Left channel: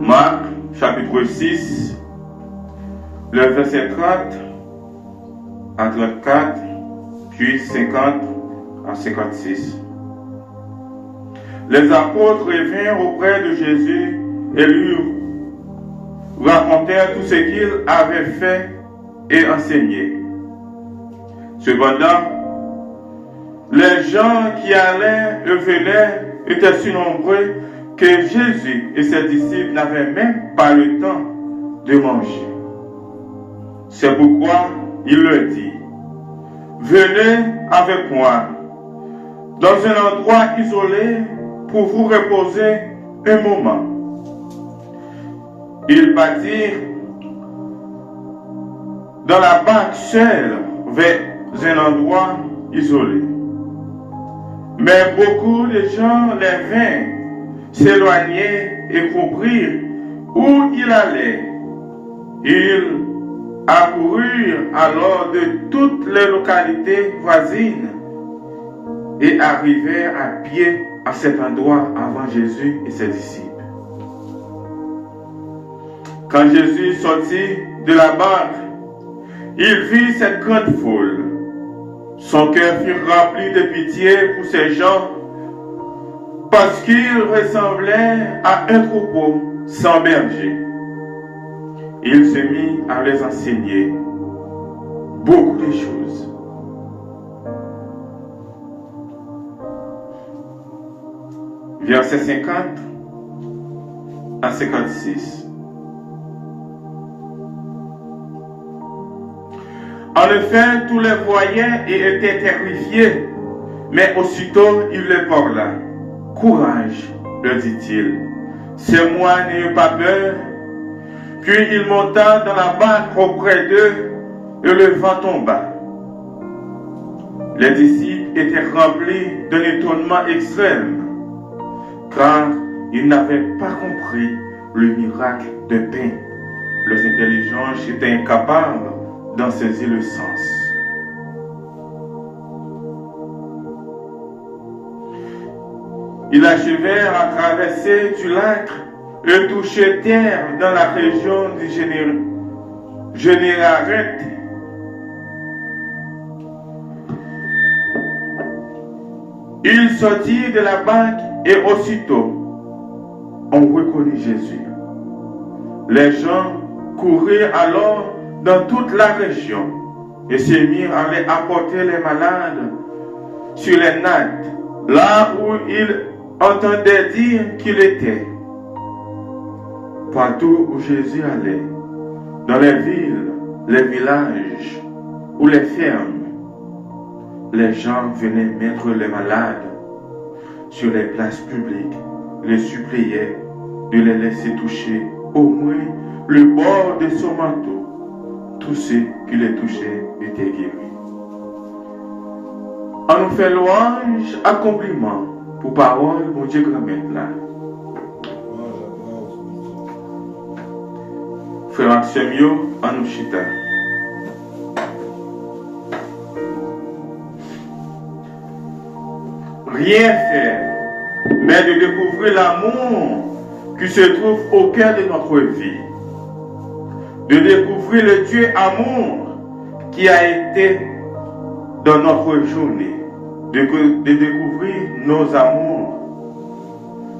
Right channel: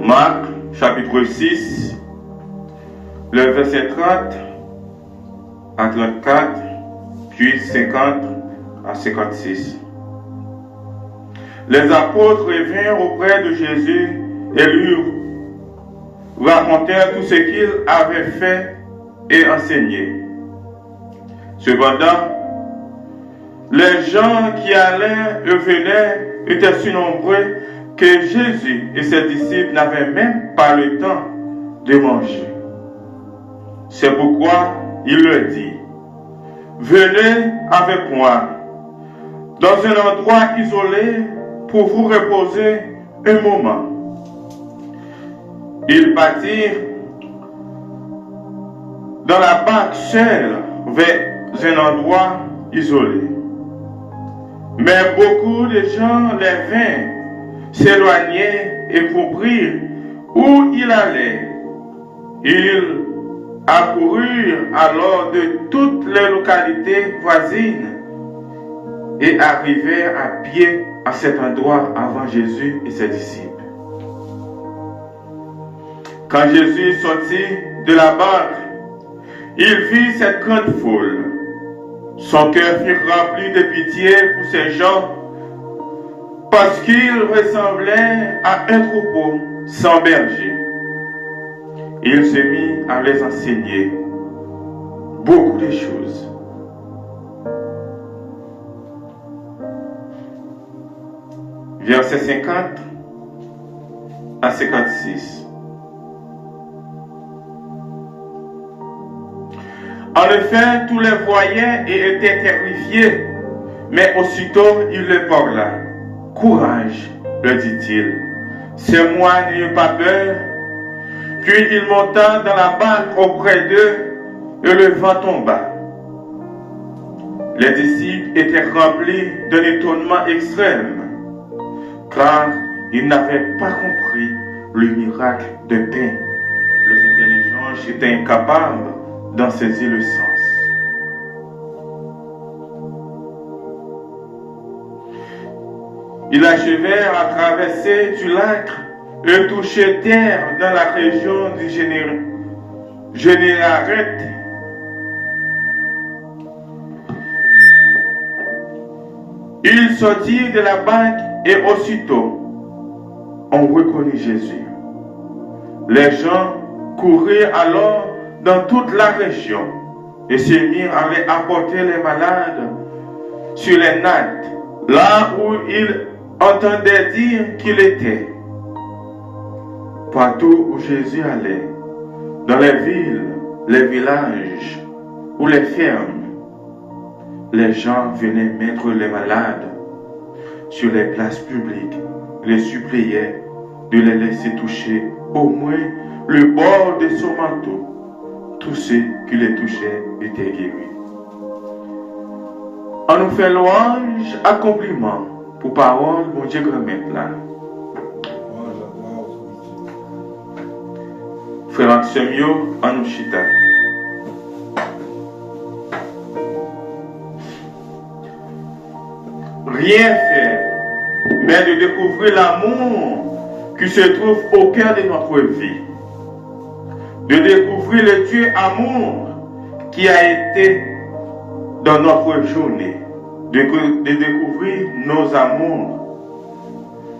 Marc, chapitre 6, le verset 30 à 34, puis 50 à 56. Les apôtres vinrent auprès de Jésus et lui racontèrent tout ce qu'il avait fait et enseigné. Cependant, les gens qui allaient et venaient étaient si nombreux que Jésus et ses disciples n'avaient même pas le temps de manger. C'est pourquoi il leur dit, « Venez avec moi dans un endroit isolé pour vous reposer un moment. » Ils partirent dans la barque seule vers un endroit isolé. Mais beaucoup de gens les vinrent s'éloigner et comprirent où il allait. Ils accoururent alors de toutes les localités voisines et arrivèrent à pied à cet endroit avant Jésus et ses disciples. Quand Jésus sortit de la barque, il vit cette grande foule. Son cœur fut rempli de pitié pour ces gens parce qu'ils ressemblaient à un troupeau sans berger. Il se mit à les enseigner beaucoup de choses. Versets 50 à 56. En effet, tous les voyaient et étaient terrifiés, mais aussitôt il les parla. « Courage, leur dit-il, c'est moi, n'ayez pas peur. » Puis il monta dans la barque auprès d'eux et le vent tomba. Les disciples étaient remplis d'un étonnement extrême, car ils n'avaient pas compris le miracle de pain. Leurs intelligences étaient incapables d'en saisir le sens. Ils achevèrent à traverser du lac et toucher terre dans la région du Généraret. Ils sortirent de la barque et aussitôt on reconnut Jésus. Les gens coururent alors dans toute la région et se mirent à aller apporter les malades sur les nattes, là où ils entendaient dire qu'il était. Partout où Jésus allait, dans les villes, les villages ou les fermes, les gens venaient mettre les malades sur les places publiques, les suppliaient de les laisser toucher au moins le bord de son manteau. Tous ceux qui les touchaient étaient guéris. On nous fait louange, accomplissement pour parole, mon Dieu, grand-mère là. Frère Maximio, on nous chita. Rien faire, mais de découvrir l'amour qui se trouve au cœur de notre vie. De découvrir le Dieu amour qui a été dans notre journée. De découvrir nos amours.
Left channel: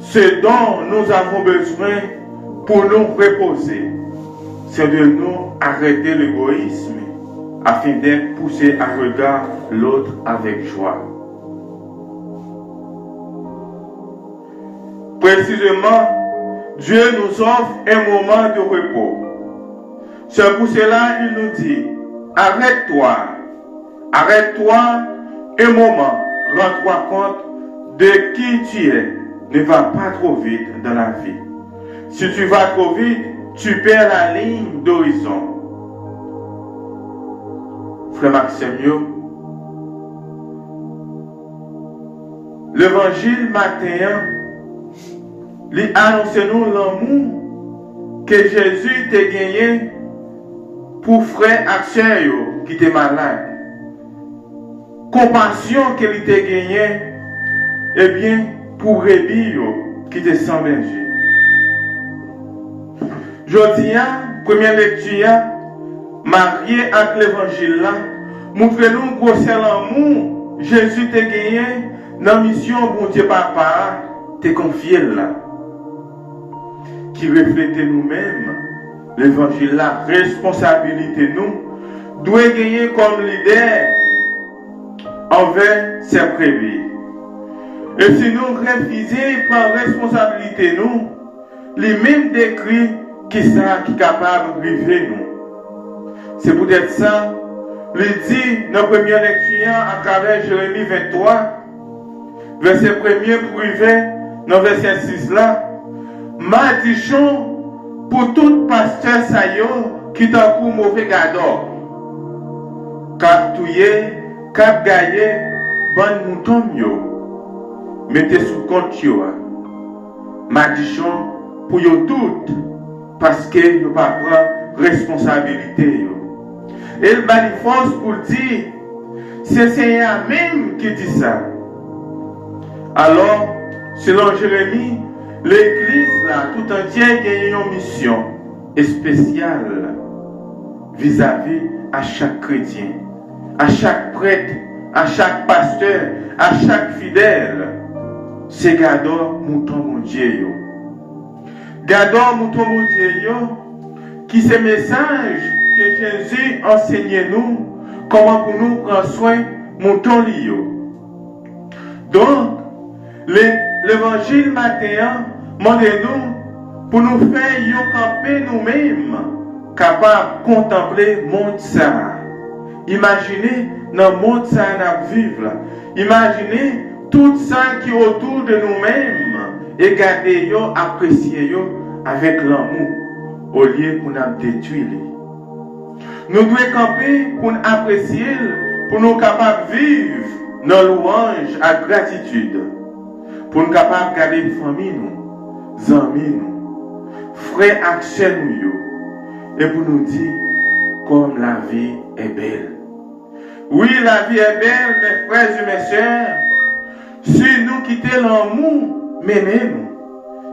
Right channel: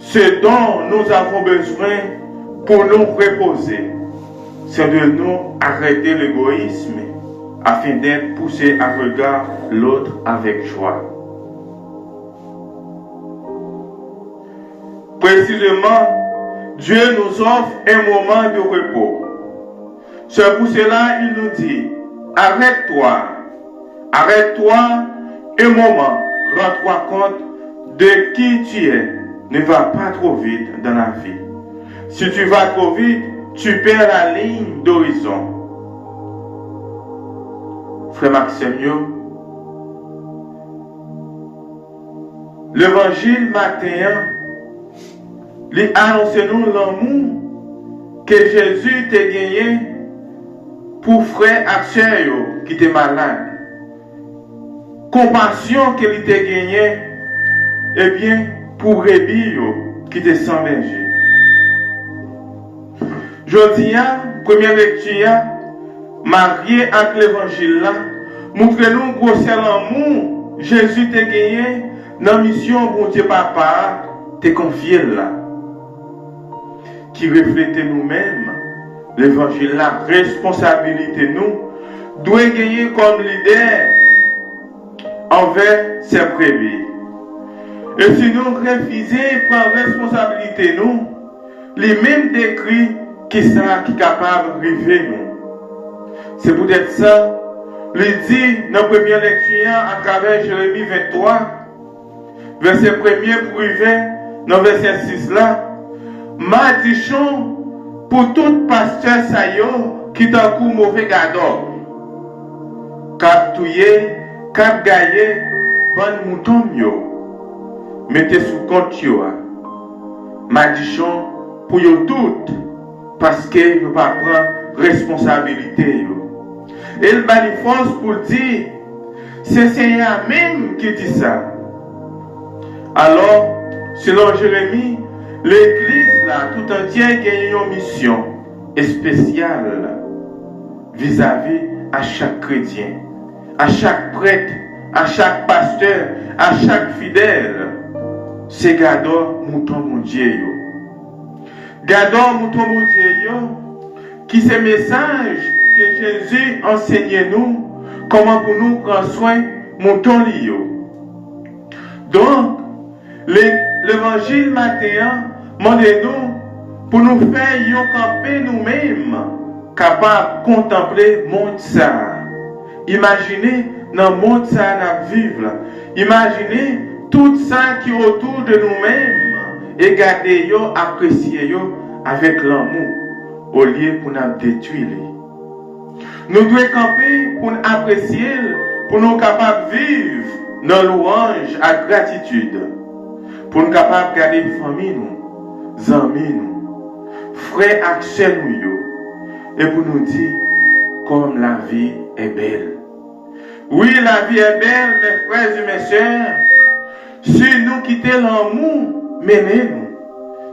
Ce dont nous avons besoin pour nous reposer, c'est de nous arrêter l'égoïsme afin d'être poussés à regarder l'autre avec joie. Précisément, Dieu nous offre un moment de repos. C'est pour cela qu'il nous dit, arrête-toi un moment, rends-toi compte de qui tu es. Ne va pas trop vite dans la vie. Si tu vas trop vite, tu perds la ligne d'horizon. Frère Maximio, l'évangile matin, il annonce nous l'amour que Jésus t'a gagné pour frère Axel qui était malade. Compassion qu'il t'a gagné, eh bien, pour Rébille qui était sans berger. Je dis, première lecture, marié avec l'évangile là, montre-nous gros c'est l'amour, Jésus t'a gagné, dans la mission, bon Dieu papa, t'es confié là. Qui reflète nous-mêmes, l'évangile là, responsabilité nous, doit gagner comme leader envers ses brebis. Et si nous refusons prendre responsabilité nous, les mêmes décrits qui sont capables de vivre nous. C'est peut-être ça, il dit dans la première lecture à travers Jérémie 23, verset 1er pour arriver dans verset 6 là, maldition pour tout pasteur saillot qui t'a coup mauvais gado. Cap touye, cap gaillé, bon mouton yo. Mettez sous compte yo. Maldition pour yo tout parce que yo pas prendre responsabilité yo. Et le manifeste pour dire c'est Seigneur même qui dit ça. Alors, selon Jérémie, l'Église là tout entière gagne une mission spéciale vis-à-vis à chaque chrétien, à chaque prêtre, à chaque pasteur, à chaque fidèle. C'est gardons mouton mon Dieu yo. Gardons mouton mon Dieu yo, qui c'est message que Jésus enseigne nous comment pour nous prendre soin mouton yo. Donc l'évangile matin demande-nous pour nous faire yon camper nous-mêmes capables de contempler le monde ça. Imaginez dans le monde ça nous vivre. Imaginez tout ça qui est autour de nous-mêmes et garder yo, apprécier yo avec l'amour au lieu pour nous détruire. Nous devons camper pour nous apprécier, pour nous capables de vivre dans louange à gratitude, pour nous capables de garder la famille, nous, amis, nous, frères, accès nous, et pour nous dire comme la vie est belle. Oui, la vie est belle, mes frères et mes sœurs. Si nous quittons l'amour, menez-nous.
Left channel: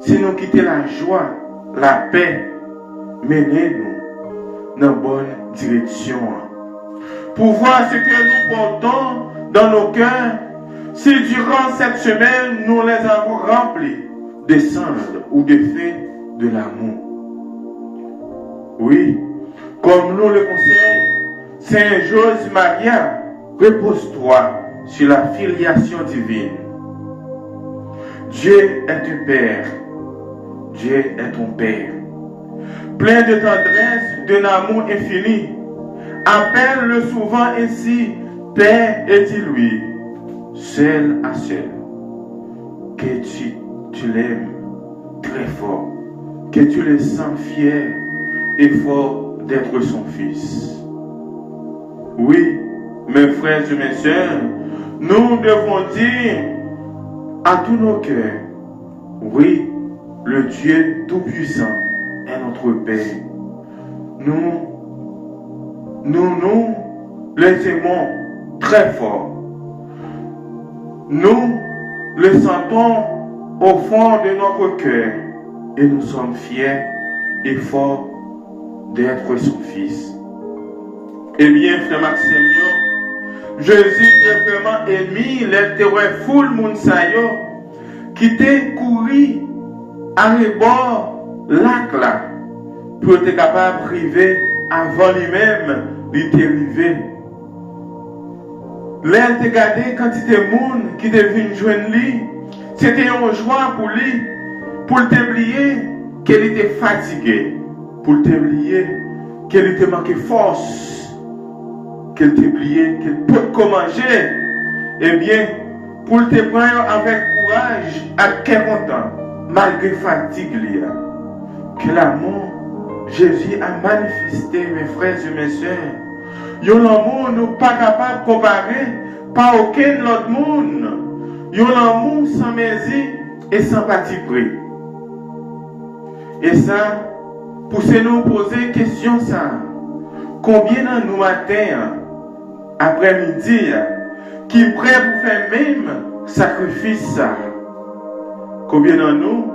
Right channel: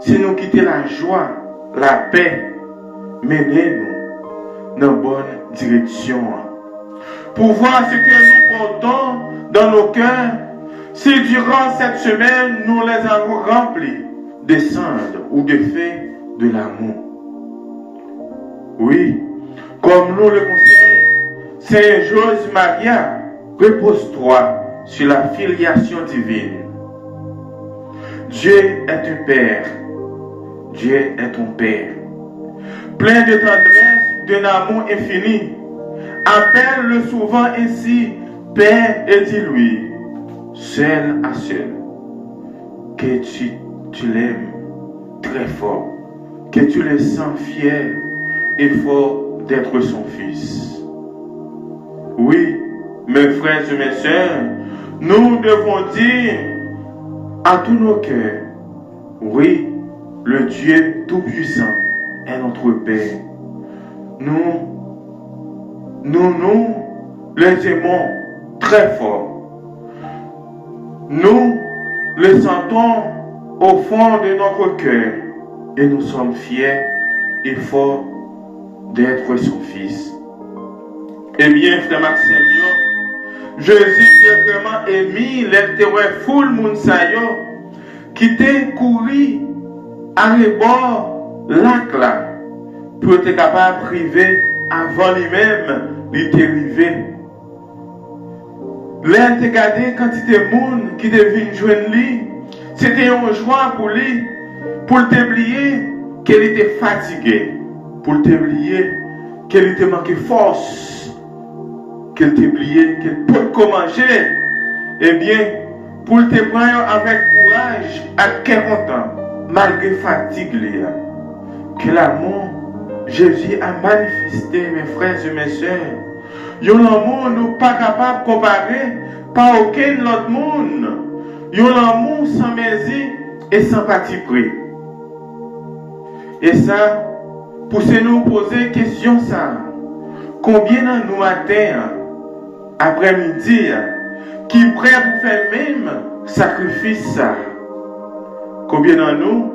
Si nous quittons la joie, la paix, menez-nous dans la bonne direction. Pour voir ce que nous portons dans nos cœurs, si durant cette semaine nous les avons remplis de cendres ou de faits de l'amour. Oui, comme nous le conseille Saint Joseph Maria, repose-toi sur la filiation divine. Dieu est un Père. Dieu est ton Père. Plein de tendresse, d'un amour infini. Appelle-le souvent ainsi, Père, et dis-lui, seul à seul, que tu l'aimes très fort, que tu le sens fier et fort d'être son fils. Oui, mes frères et mes sœurs, nous devons dire à tous nos cœurs, oui, le Dieu Tout-Puissant est notre Père. Nous les aimons très fort. Nous le sentons au fond de notre cœur et nous sommes fiers et forts d'être son fils. Eh bien, frère Maxime, Jésus est vraiment émis l'intérêt full mounsayo qui t'est couru à l'ébord lac là pour être capable de priver avant lui-même, il t'est arrivé. Là, t'es gardé quantité de monde qui devine joindre lui, c'était une joie pour lui, pour t'oublier qu'elle était fatiguée, pour t'oublier qu'elle était manqué force. Qu'elle t'oubliait, qu'elle peut manger, eh bien, pour te prendre avec courage à 40 ans, malgré fatigue, que l'amour, Jésus a manifesté, mes frères et mes sœurs. Yon l'amour nous pas capable de comparer par aucun autre monde. Yon l'amour sans mesure et sans parti pris. Et ça, pour nous poser question ça, combien dans nous matin, après-midi, qui prêt pour faire même sacrifice ça? Combien dans nous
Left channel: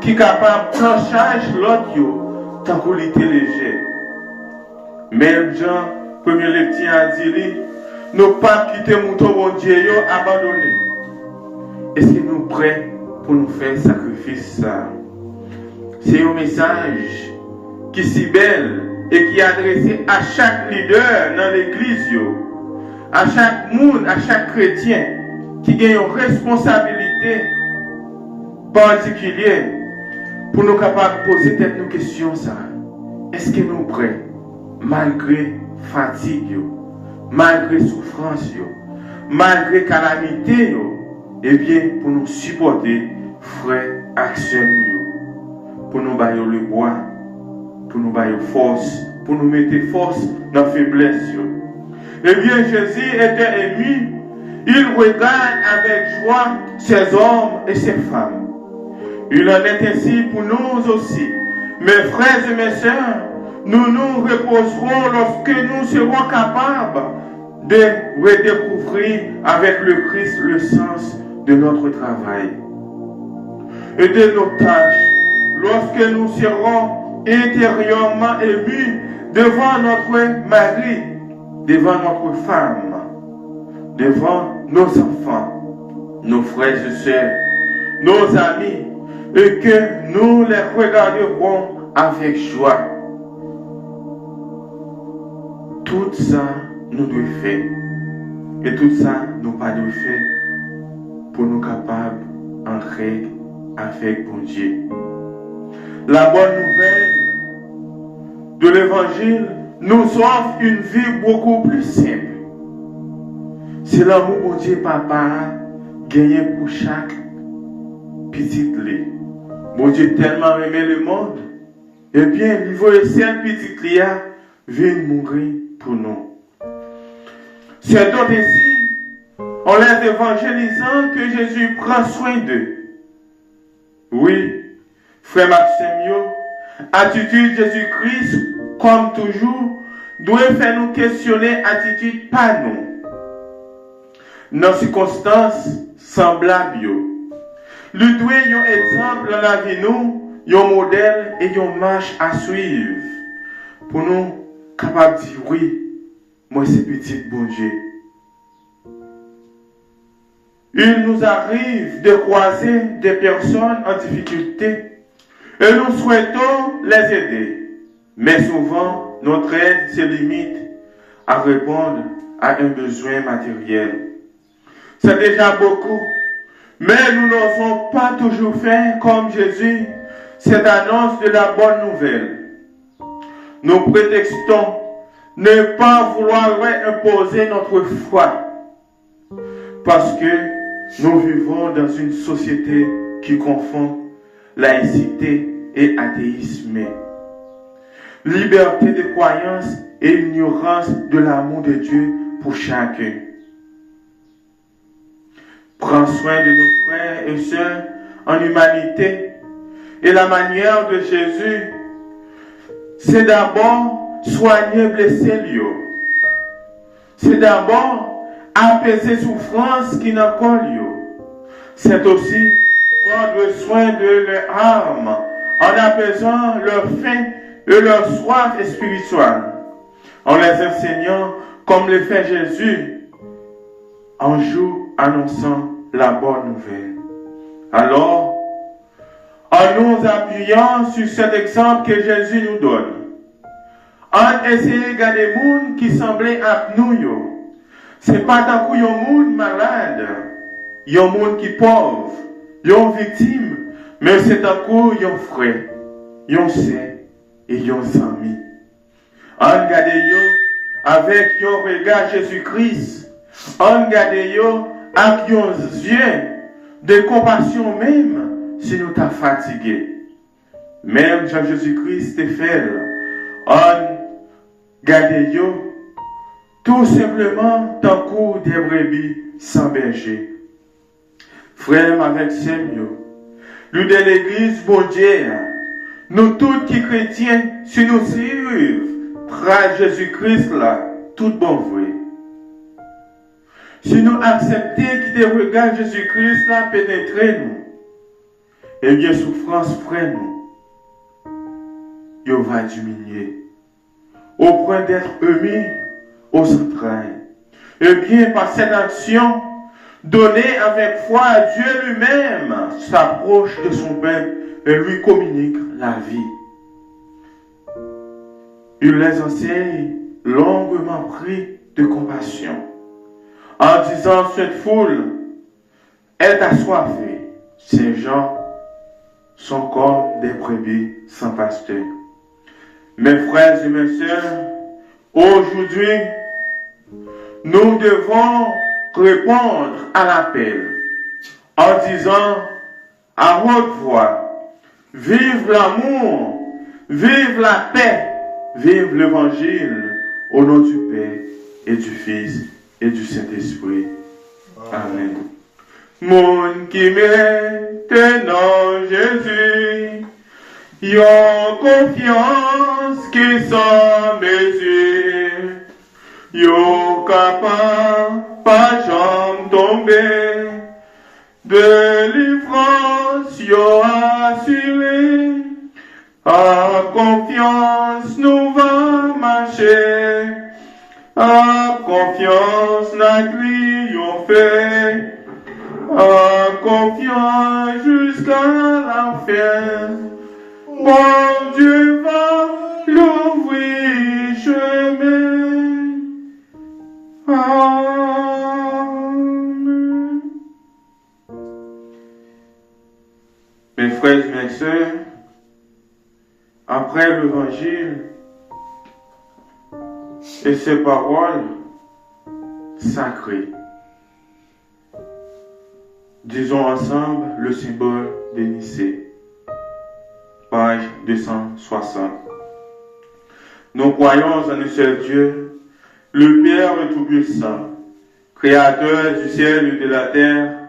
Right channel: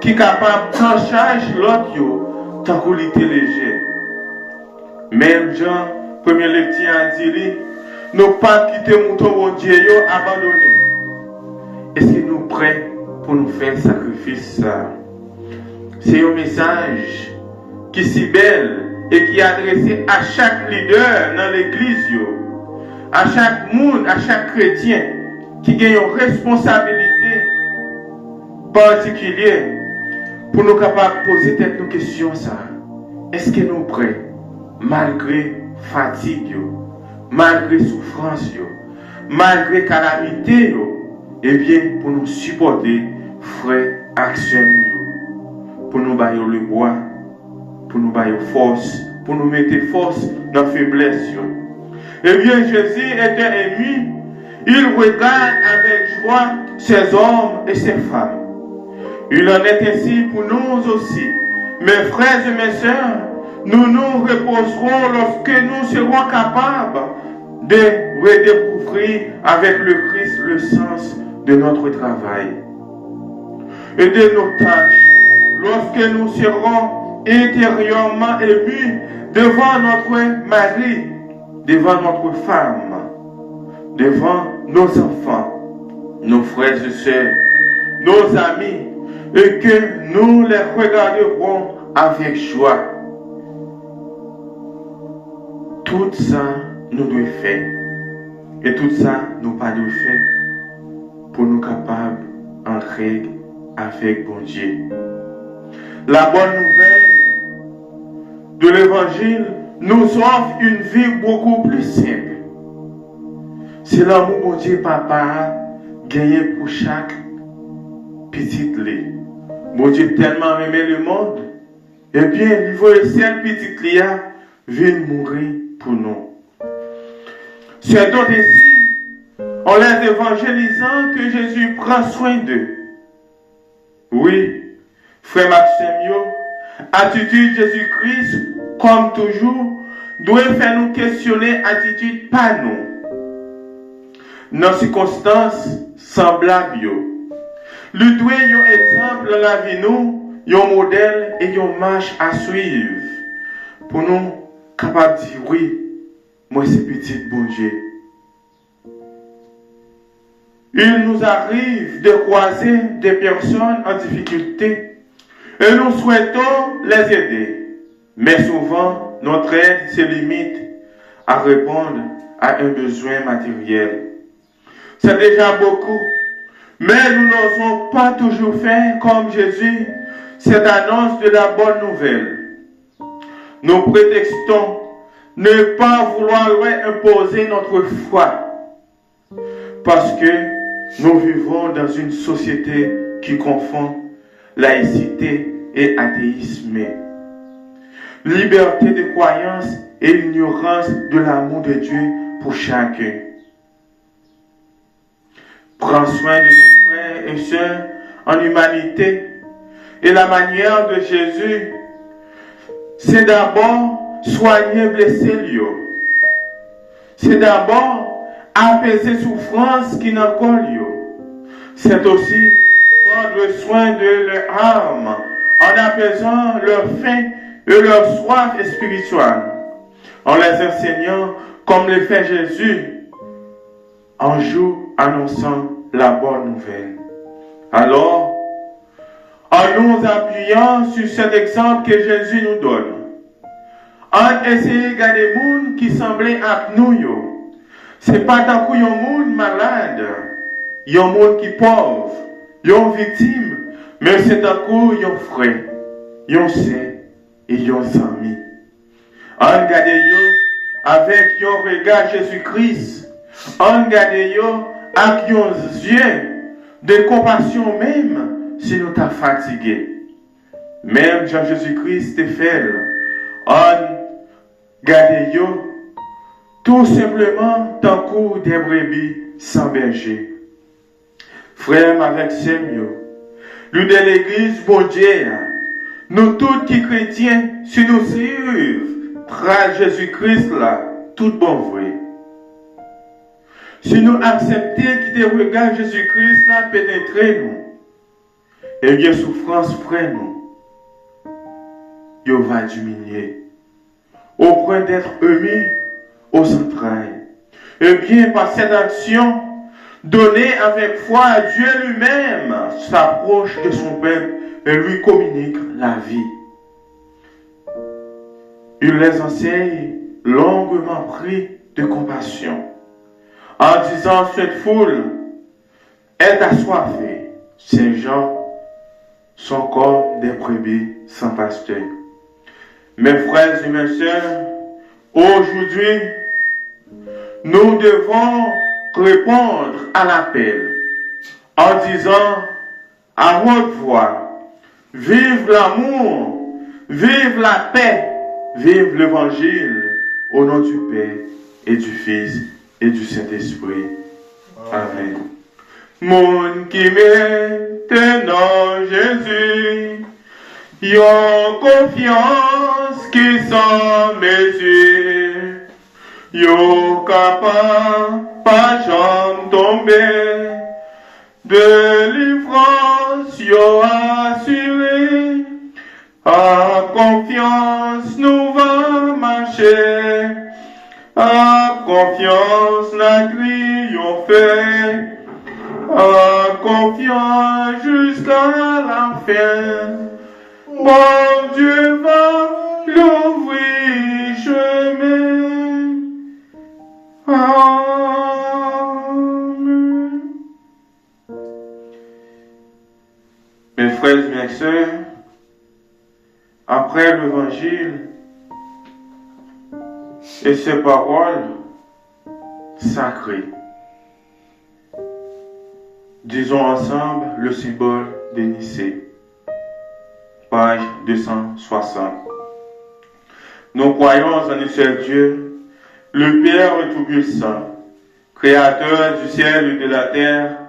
qui capable de prendre charge l'autre tant qu'on était léger. Même Jean, premier lecteur a dit, nous pas quitter mouton bon Dieu abandonné. Est-ce que nous prêts pour nous faire sacrifice ça? C'est un message qui est si belle et qui est adressé à chaque leader dans l'église, à chaque monde, à chaque chrétien qui a une responsabilité particulière pour nous capables de poser nos questions. Est-ce que nous prêts, malgré fatigue, malgré souffrance, malgré calamité, eh bien, pour nous supporter, frère, action, pour nous bailler le bois, pour nous bailler force, pour nous mettre force dans la faiblesse. Eh bien, Jésus était ému, il regarde avec joie ses hommes et ses femmes. Il en est ainsi pour nous aussi. Mes frères et mes sœurs, nous nous reposerons lorsque nous serons capables de redécouvrir avec le Christ le sens de notre travail et de nos tâches, lorsque nous serons intérieurement émus devant notre mari, devant notre femme, devant nos enfants, nos frères et sœurs, nos amis, et que nous les regarderons avec joie. Tout ça, nous devons faire. Et tout ça, nous pas devons faire pour nous capables d'entrer avec bon Dieu. La bonne nouvelle de l'évangile nous offre une vie beaucoup plus simple. C'est l'amour bon Dieu papa gagné pour chaque petite lait. Bon Dieu tellement aimé le monde, et bien il veut cette petite lait vient mourir pour nous. C'est donc ainsi, en les évangélisant, que Jésus prend soin d'eux. Oui, frère Maxime, attitude Jésus-Christ, comme toujours, doit faire nous questionner attitude pas nous. Dans circonstances semblables, nous devons un exemple dans la vie nous, un modèle et une marche à suivre pour nous capables de dire oui, moi c'est petit bon Dieu. Il nous arrive de croiser des personnes en difficulté et nous souhaitons les aider. Mais souvent, notre aide se limite à répondre à un besoin matériel. C'est déjà beaucoup, mais nous n'osons pas toujours faire comme Jésus cette annonce de la bonne nouvelle. Nous prétextons ne pas vouloir imposer notre foi parce que nous vivons dans une société qui confond laïcité et athéisme, liberté de croyance et ignorance de l'amour de Dieu pour chacun. Prends soin de nos frères et sœurs en humanité et la manière de Jésus, c'est d'abord soigner blessés. C'est d'abord apaiser souffrance qui n'a pas lieu. C'est aussi prendre soin de leur âme en apaisant leur faim et leur soif spirituelle, en les enseignant comme le fait Jésus un jour annonçant la bonne nouvelle. Alors, en nous appuyant sur cet exemple que Jésus nous donne, en essayant de garder les gens qui semblaient à nous, c'est pas tant qu'il y a un monde malade, il y a un monde qui est pauvre, il y a une victime, mais c'est tant qu'il y a un frère, il y a un sœur et il y a un ami. En regardant avec un regard Jésus-Christ, en regardant avec un yeux de compassion même si nous t'as fatigué. Même Jean Jésus-Christ te fait, en regardant tout simplement tant que des brebis sans berger. Frère avec Seigneur, nous de l'église, bon Dieu, nous tous qui chrétiens, si nous suivons, frère Jésus-Christ là, tout bon vrai. Si nous acceptons que des regards Jésus-Christ là pénétrer nous, eh bien souffrance frère nous. il va diminuer, au point d'être émis aux entrailles. Et bien, par cette action, donnée avec foi à Dieu lui-même, s'approche de son peuple et lui communique la vie. Il les enseigne longuement pris de compassion, en disant cette foule est assoiffée. Ces gens sont comme des brebis sans pasteur. Mes frères et mes sœurs, aujourd'hui, nous devons répondre à l'appel en disant à haute voix, vive l'amour, vive la paix, vive l'évangile au nom du Père et du Fils et du Saint-Esprit. Amen. Monde qui maintenant Jésus, yon confiance qui sans mesure, yon capable pas jamais tomber, délivrance yon assuré, à confiance nous va marcher, à confiance la triompher, à confiance jusqu'à la fin. Mon Dieu va l'ouvrir chemin. Amen. Mes frères et mes sœurs, après l'évangile et ces paroles sacrées, disons ensemble le symbole de Nicée. Page 260. Nous croyons en un seul Dieu, le Père Tout-Puissant, Créateur du ciel et de la terre,